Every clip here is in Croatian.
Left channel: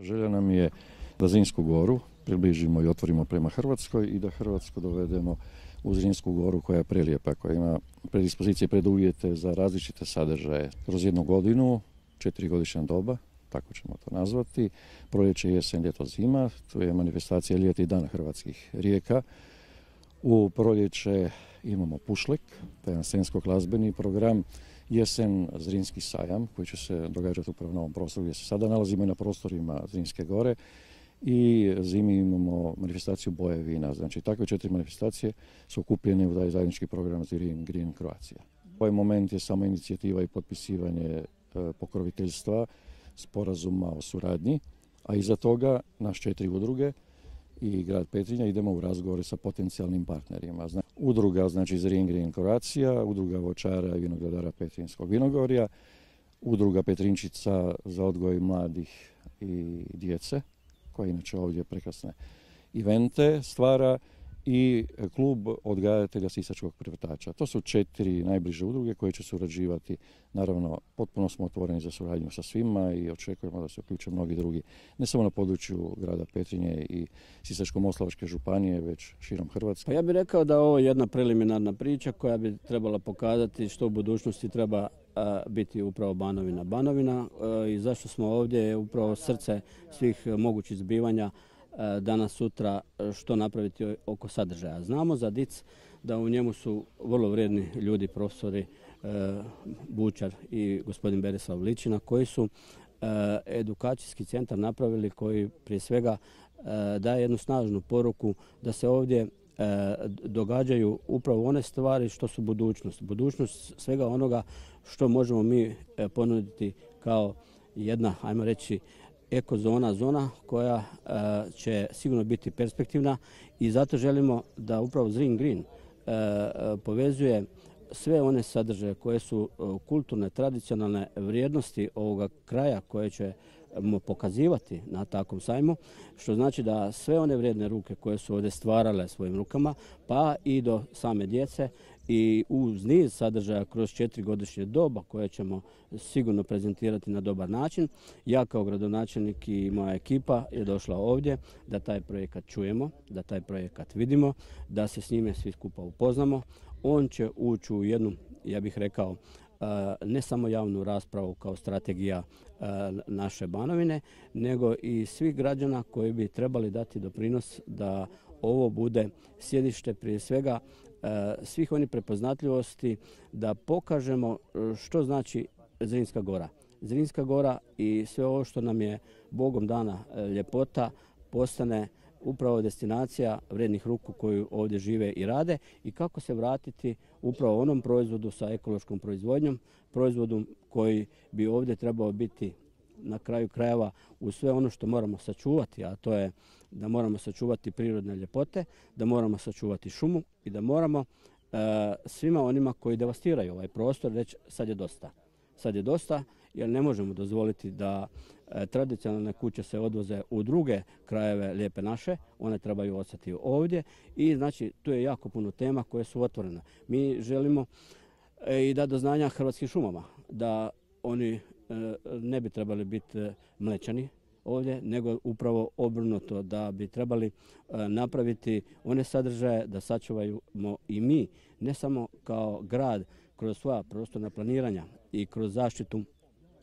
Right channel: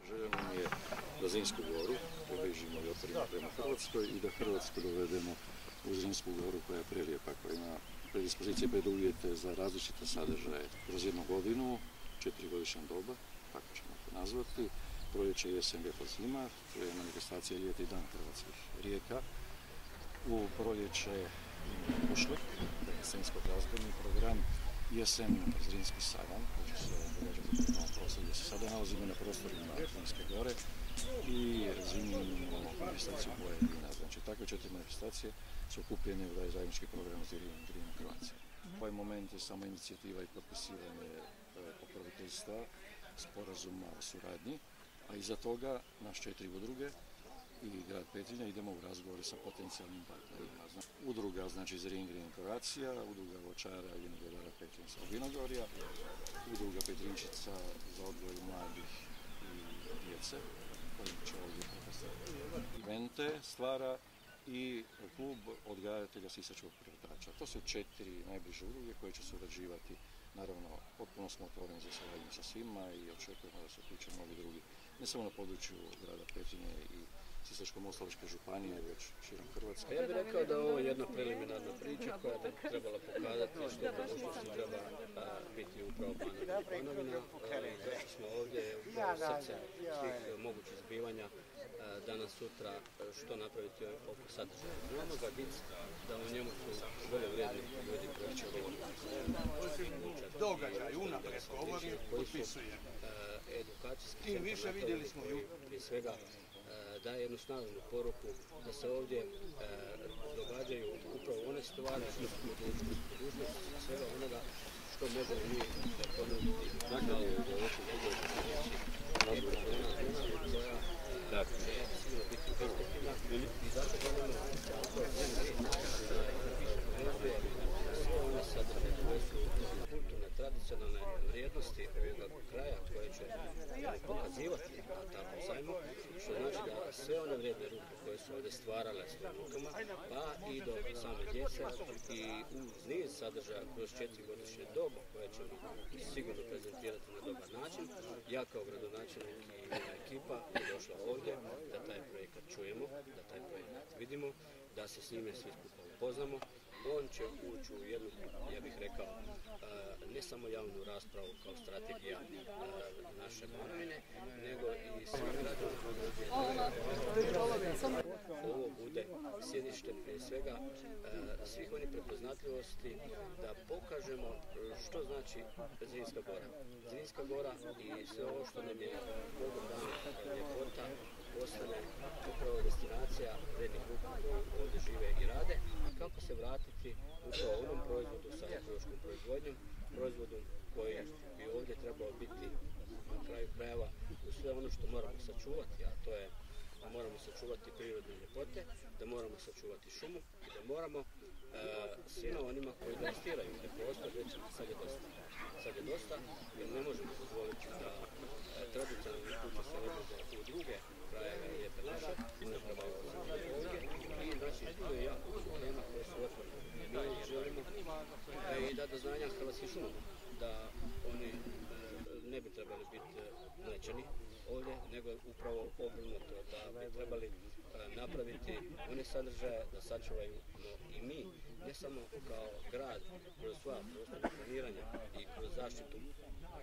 Želja nam je da Zrinsku goru približimo i otvorimo prema Hrvatskoj i da Hrvatsku dovedemo u Zrinsku goru koja je prelijepa, koja ima predispozicije, preduvjete za različite sadržaje. Kroz jednu godinu, 4-godišnja doba, tako ćemo to nazvati, proljeće, jesen, ljeto, zima, to je manifestacija Ljeti dan hrvatskih rijeka. U proljeće imamo Pušlek, taj je scensko-glazbeni program, jesen Zrinski sajam koji će se događati u novom prostoru gdje se sada nalazimo na prostorima Zrinske gore i zimi imamo manifestaciju boje vina. Znači takve 4 manifestacije su okupljene u taj zajednički program Zirin Green Croatia. Ovaj moment je samo inicijativa i potpisivanje pokroviteljstva sporazuma o suradnji, a iza toga naš 4 udruge i grad Petrinja idemo u razgovore sa potencijalnim partnerima. Udruga znači Zirin Green Croatia, udruga voćara i vinogradara Petrinjskog vinogorja, udruga Petrinčica za odgoj mladih i djece, koja inače ovdje prekrasne evente stvara, i klub odgajatelja sisačkog prevatača. To su 4 najbliže udruge koje će surađivati. Naravno, potpuno smo otvoreni za suradnju sa svima i očekujemo da se uključe mnogi drugi, ne samo na području grada Petrinje i Sisačko-moslavačke županije, već širom Hrvatske. Ja bih rekao da ovo je jedna preliminarna priča koja bi trebala pokazati što u budućnosti treba biti upravo Banovina. Banovina i zašto smo ovdje je upravo srce svih mogućih zbivanja danas, sutra, što napraviti oko sadržaja. Znamo za DIC da u njemu su vrlo vrijedni ljudi, profesori Bučar i gospodin Berislav Ličina, koji su edukacijski centar napravili, koji prije svega daje jednu snažnu poruku da se ovdje događaju upravo one stvari što su budućnost. Budućnost svega onoga što možemo mi ponuditi kao jedna, ajmo reći, ekozona, zona koja će sigurno biti perspektivna, i zato želimo da upravo Zrin Green povezuje sve one sadržaje koje su kulturne, tradicionalne vrijednosti ovoga kraja koje ćemo pokazivati na takvom sajmu, što znači da sve one vrijedne ruke koje su ovdje stvarale svojim rukama, pa i do same djece, i uz niz sadržaja kroz 4-godišnje doba koje ćemo sigurno prezentirati na dobar način. Ja kao gradonačelnik i moja ekipa je došla ovdje da taj projekat čujemo, da taj projekat vidimo, da se s njime svi skupa upoznamo. On će ući u jednu, ja bih rekao, ne samo javnu raspravu kao strategija naše Banovine, nego i svih građana koji bi trebali dati doprinos da ovo bude sjedište prije svega svih onih prepoznatljivosti, da pokažemo što znači Zrinska gora. Zrinska gora i sve ovo što nam je Bogom dana ljepota postane upravo destinacija vrijednih ruku koji ovdje žive i rade, i kako se vratiti upravo onom proizvodu sa ekološkom proizvodnjom, proizvodu koji bi ovdje trebao biti na kraju krajeva uz sve ono što moramo sačuvati, a to je da moramo sačuvati prirodne ljepote, da moramo sačuvati šumu i da moramo svima onima koji devastiraju ovaj prostor reći sad je dosta. Sad je dosta, jer ne možemo dozvoliti da tradicionalne kuće se odvoze u druge krajeve lijepe naše, one trebaju ostati ovdje, i znači tu je jako puno tema koje su otvorene. Mi želimo i dati do znanja Hrvatskim šumama da oni ne bi trebali biti mlečani ovdje, nego upravo obrnuto, da bi trebali napraviti one sadržaje da sačuvamo i mi, ne samo kao grad kroz svoja prostorna planiranja i kroz zaštitu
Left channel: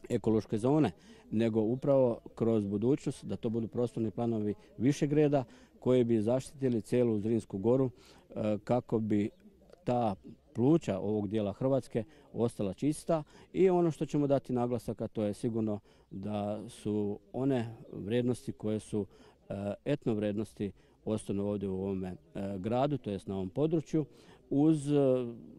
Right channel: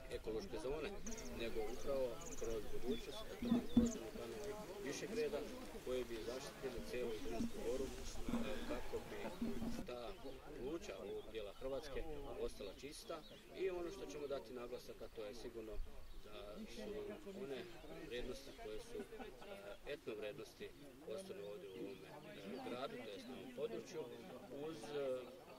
ekološke zone, nego upravo kroz budućnost da to budu prostorni planovi višeg reda koji bi zaštitili cijelu Zrinsku goru, kako bi ta pluća ovog dijela Hrvatske ostala čista. I ono što ćemo dati naglasak, a to je sigurno da su one vrijednosti koje su etno vrijednosti ostanu ovdje u ovome gradu, to jest na ovom području, uz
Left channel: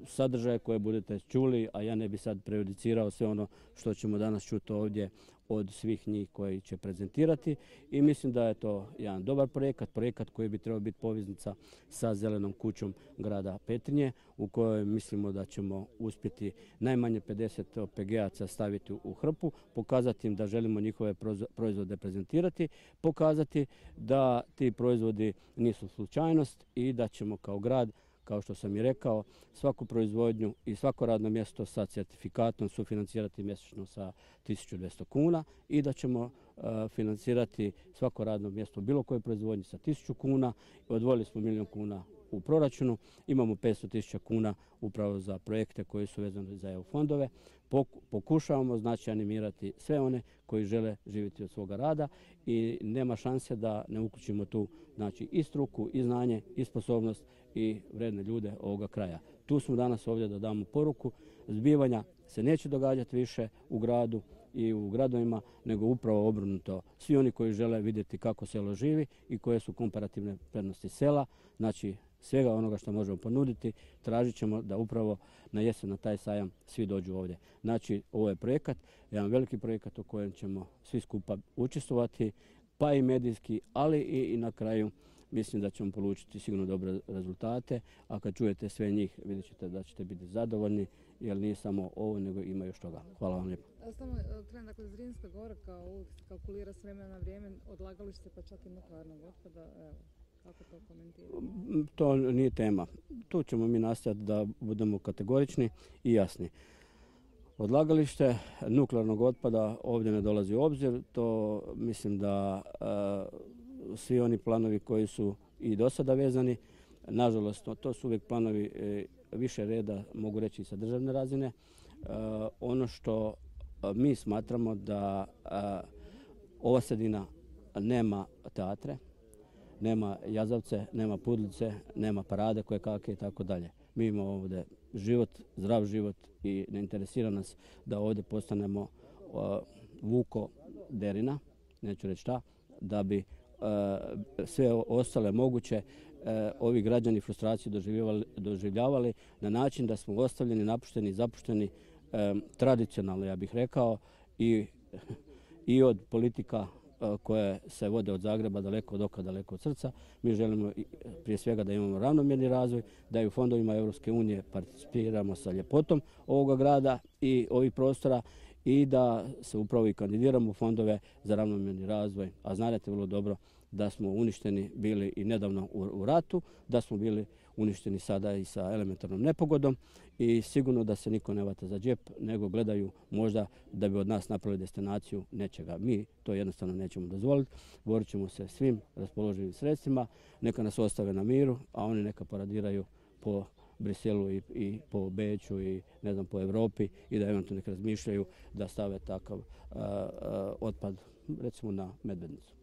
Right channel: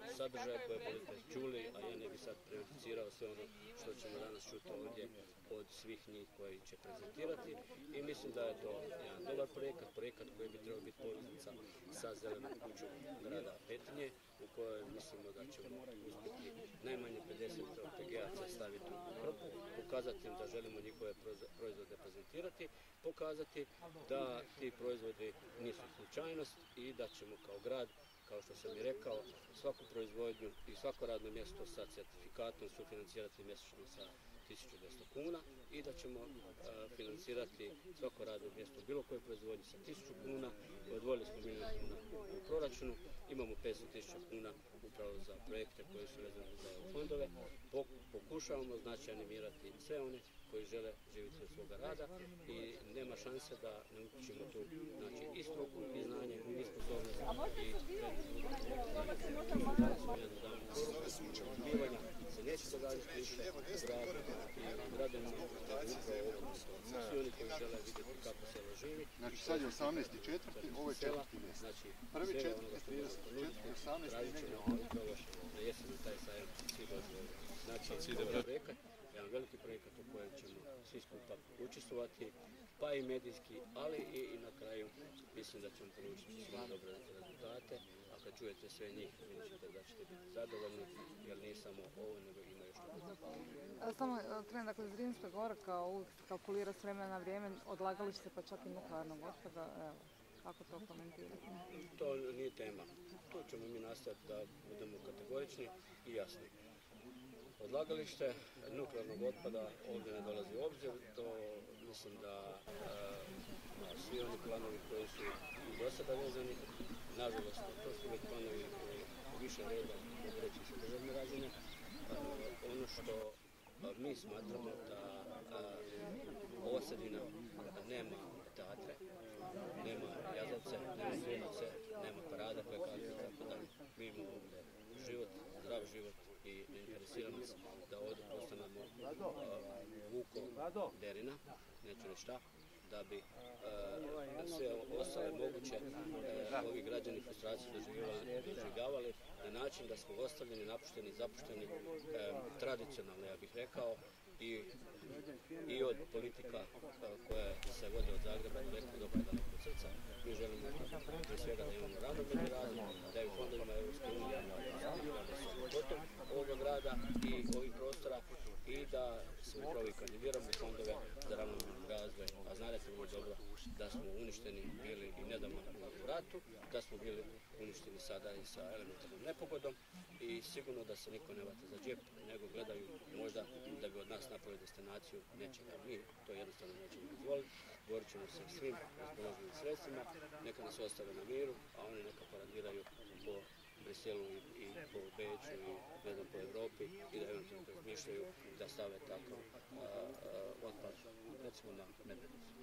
sadržaje koje budete čuli, a ja ne bi sad prejudicirao sve ono što ćemo danas čuti ovdje od svih njih koji će prezentirati, i mislim da je to jedan dobar projekat koji bi trebao biti poveznica sa zelenom kućom grada Petrinje, u kojoj mislimo da ćemo uspjeti najmanje 50 OPG-aca staviti u hrpu, pokazati im da želimo njihove proizvode prezentirati, pokazati da ti proizvodi nisu slučajnost i da ćemo kao grad, kao što sam i rekao, svaku proizvodnju i svako radno mjesto sa certifikatom sufinancirati mjesečno sa 1200 kuna i da ćemo financirati svako radno mjesto u bilo kojoj proizvodnji sa 1000 kuna. Odvojili smo 1 milijun kuna u proračunu, imamo 500.000 kuna upravo za projekte koji su vezani za EU fondove. Pokušavamo znači animirati sve one koji žele živjeti od svoga rada i nema šanse da ne uključimo tu znači i struku, i znanje, i sposobnost i vredne ljude ovoga kraja. Tu smo danas ovdje da damo poruku, zbivanja se neće događati više u gradu i u gradovima, nego upravo obrnuto. Svi oni koji žele vidjeti kako selo živi i koje su komparativne prednosti sela, znači svega onoga što možemo ponuditi, tražit ćemo da upravo na jesen na taj sajam svi dođu ovdje. Znači, ovo je projekat, jedan veliki projekat u kojem ćemo svi skupa učestvovati, pa i medijski, ali i na kraju mislim da ćemo polučiti sigurno dobre rezultate, a kad čujete sve njih vidjet ćete da ćete biti zadovoljni, jer nije samo ovo, nego ima još toga. Hvala vam lijepo. Samo krenem, dakle, Zrinska gora kao uvijek kalkulira s vremena na vrijeme, odlagalište pa čak i nuklearnog otpada, evo, kako to komentiramo? To nije tema. Tu ćemo mi nastaviti da budemo kategorični i jasni. Odlagalište nuklearnog otpada ovdje ne dolazi u obzir, to mislim da svi oni planovi koji su i do sada vezani, nažalost, to su uvijek planovi više reda, mogu reći sa državne razine. Ono što mi smatramo da ova sredina nema teatre, nema jazavce, nema pudlice, nema parade koje kakve i tako dalje. Mi imamo ovdje život, zdrav život i ne interesira nas da ovdje postanemo Vuko Derina, neću reći šta, da bi sve ostale moguće ovi građani frustraciju doživljavali na način da smo ostavljeni, napušteni, zapušteni, tradicionalno, ja bih rekao, i od politika koje se vode od Zagreba, daleko od oka, daleko od srca. Mi želimo prije svega da imamo ravnomjerni razvoj, da i u fondovima Europske unije participiramo sa ljepotom ovoga grada i ovih prostora i da se upravo i kandidiramo u fondove za ravnomjerni razvoj, a znate vrlo dobro da smo uništeni bili i nedavno u ratu, da smo bili uništeni sada i sa elementarnom nepogodom i sigurno da se niko ne vata za džep, nego gledaju možda da bi od nas napravili destinaciju nečega. Mi to jednostavno nećemo dozvoliti, borit ćemo se svim raspoloživim sredstvima, neka nas ostave na miru, a oni neka paradiraju po Briselu i po Beču i ne znam po Europi i da eventualno razmišljaju da stave takav otpad recimo na Medvednicu.